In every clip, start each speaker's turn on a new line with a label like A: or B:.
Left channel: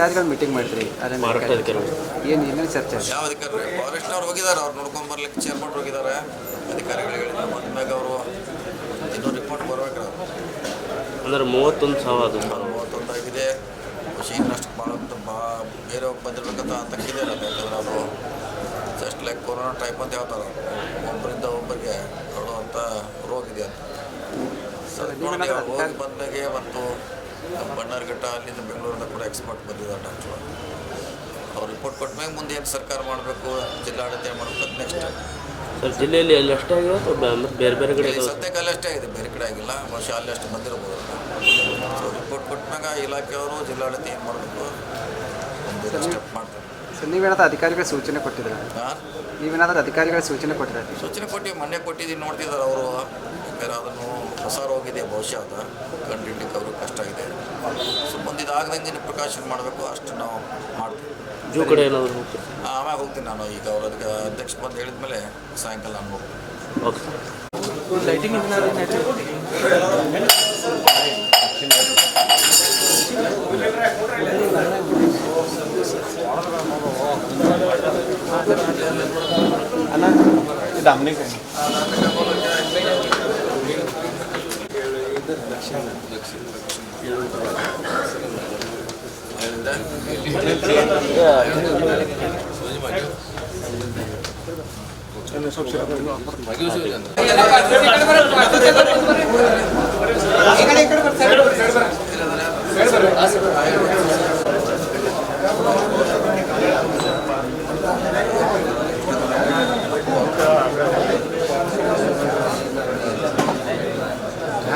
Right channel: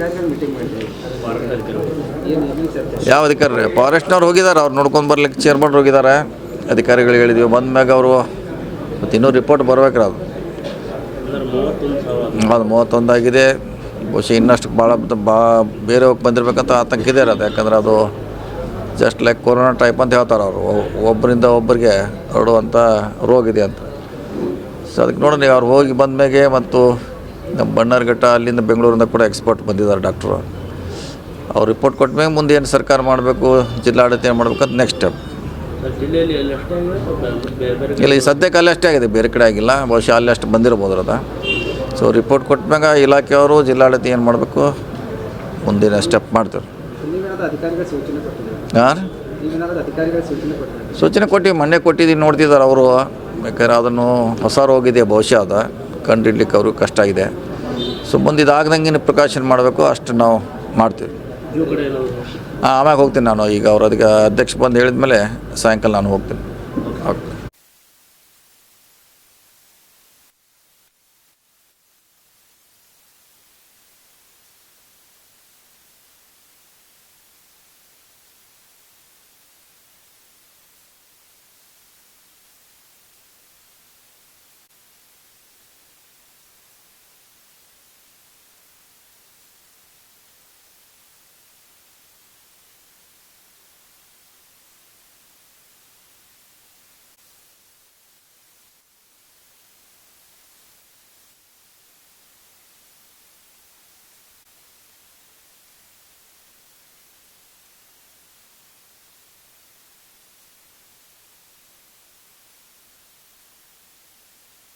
A: ಅಧಿಕಾರಿಗಳು ಮೀಟಿಂಗ್ ಮಾಡಿದ್ರಿ? ಅದನ್ನ ಏನು ಏನು ಚರ್ಚೆ?
B: ಯಾವ ಅಧಿಕಾರಿ ಫಾರೆಸ್ಟ್ನವ್ರು ಹೋಗಿದ್ದಾರೆ ಅವ್ರು ನೋಡ್ಕೊಂಡು ಬರ್ಲಿಕ್ಕೆ ಚೇರ್ಮನ್ ಹೋಗಿದ್ದಾರೆ. ಅಧಿಕಾರಿಗಳು ಹೇಳಿದ್ವಿ ಬಂದಾಗ ಅವರು ಮತ್ತೆ ಇನ್ನೂ ರಿಪೋರ್ಟ್ ಬರ್ಬೇಕ್ರ ಅದು.
C: ಅಂದ್ರೆ ಮೂವತ್ತೊಂದು ಸಾವಿರ ಅದು
B: ಅದು ಮೂವತ್ತೊಂದಾಗಿದೆ ಬಹುಶಃ ಇನ್ನಷ್ಟು ಭಾಳ ಬಾ ಬೇರೆ ಹೋಗಿ ಬಂದಿರ್ಬೇಕಂತ ಆತಂಕ ಇದೆ ಅದು. ಯಾಕಂದ್ರೆ ಅದು ಜಸ್ಟ್ ಲೈಕ್ ಕೊರೋನಾ ಟೈಪ್ ಅಂತ ಹೇಳ್ತಾರೆ ಅವರು. ಒಬ್ಬರಿಂದ ಒಬ್ಬರಿಗೆ ಹರಡುವಂಥ ರೋಗ ಇದೆ ಅಂತ. ಸೊ ಅದಕ್ಕೆ ನೋಡೋಣ ಅವ್ರು ಹೋಗಿ ಬಂದ್ಮೇಲೆ ಮತ್ತು ನಮ್ಮ ಬಣ್ಣಾರ್ಘಟ್ಟ ಅಲ್ಲಿಂದ ಬೆಂಗಳೂರಿಂದ ಕೂಡ ಎಕ್ಸ್ಪರ್ಟ್ ಬಂದಿದ್ದಾರೆ ಡಾಕ್ಟ್ರು ಅವ್ರು ರಿಪೋರ್ಟ್ ಕೊಟ್ಮೇಲೆ ಮುಂದೆ ಏನು ಸರ್ಕಾರ ಮಾಡಬೇಕು ಜಿಲ್ಲಾಡಳಿತ ಏನು ಮಾಡಬೇಕು ಅಂತ ನೆಕ್ಸ್ಟ್ ಸ್ಟೆಪ್
C: ಸರ್ ಜಿಲ್ಲೆಯಲ್ಲಿ ಎಲ್ಲಿ ಎಷ್ಟಾಗಿವೆ ಬೇರೆ ಬೇರೆ
B: ಇಲ್ಲ ಈ ಸದ್ಯಕ್ಕೆ ಅಲ್ಲಿ ಅಷ್ಟೇ ಆಗಿದೆ ಬೇರೆ ಕಡೆ ಆಗಿಲ್ಲ. ಬಹುಶಃ ಅಲ್ಲಿ ಅಷ್ಟು ಬಂದಿರ್ಬೋದು ಅದ. ಸೊ ರಿಪೋರ್ಟ್ ಕೊಟ್ಮ್ಯಾಗ ಇಲಾಖೆಯವರು ಜಿಲ್ಲಾಡಳಿತ ಏನು ಮಾಡಬೇಕು ಮುಂದಿನ ಸ್ಟೆಪ್ ಮಾಡ್ತಾರೆ.
A: ಸೊ ಅಧಿಕಾರಿಗಳ ಸೂಚನೆ ಕೊಟ್ಟಿದ್ದೀರಾ?
B: ಹಾಂ
A: ನೀವೇನಾದ್ರೂ ಅಧಿಕಾರಿಗಳ ಸೂಚನೆ ಕೊಟ್ಟಿದ್ದಾರೆ?
B: ಸೂಚನೆ ಕೊಟ್ಟು ಮೊನ್ನೆ ಕೊಟ್ಟಿದ್ದೀನಿ ನೋಡ್ತಿದ್ದಾರೆ ಅವರು. ಬೇಕಾದ್ರೆ ಅದನ್ನು ಹೊಸ ರೋಗಿದೆ ಬಹುಶಃ ಅದ. ಕಂಡಿಡ್ಲಿಕ್ಕೆ ಅವರು ಕಷ್ಟ ಇದೆ. ಸೊ ಮುಂದೆ ಇದಾಗ್ದಂಗೆ ಪ್ರಿಕಾಷನ್ ಮಾಡಬೇಕು ಅಷ್ಟು ನಾವು ಮಾಡ್ತೀವಿ. ಆಮ್ಯಾಗ ಹೋಗ್ತೀನಿ ನಾನು. ಈಗ ಅವ್ರು ಅದಕ್ಕೆ ಅಧ್ಯಕ್ಷ ಬಂದು ಹೇಳಿದ ಮೇಲೆ ಸಾಯಂಕಾಲ ನಾನು ಹೋಗ್ತೀನಿ.
C: ఇక్కడ
B: ఇక్కడ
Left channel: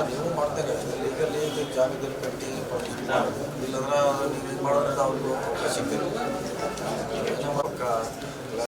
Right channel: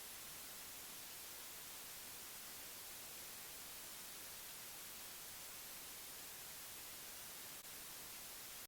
B: ನೀವು ಮಾಡ್ತೇನೆ ಲೀಗಲ್ಲಿ ಜಾಗದಲ್ಲಿ ಕಟ್ಟಿ ಇಲ್ಲಂದ್ರೆ ನೀವು ಮಾಡೋದ್ರಿಂದ ಅವ್ರಿಗೆ ಅವಕಾಶ ಸಿಕ್ಕಿರೋ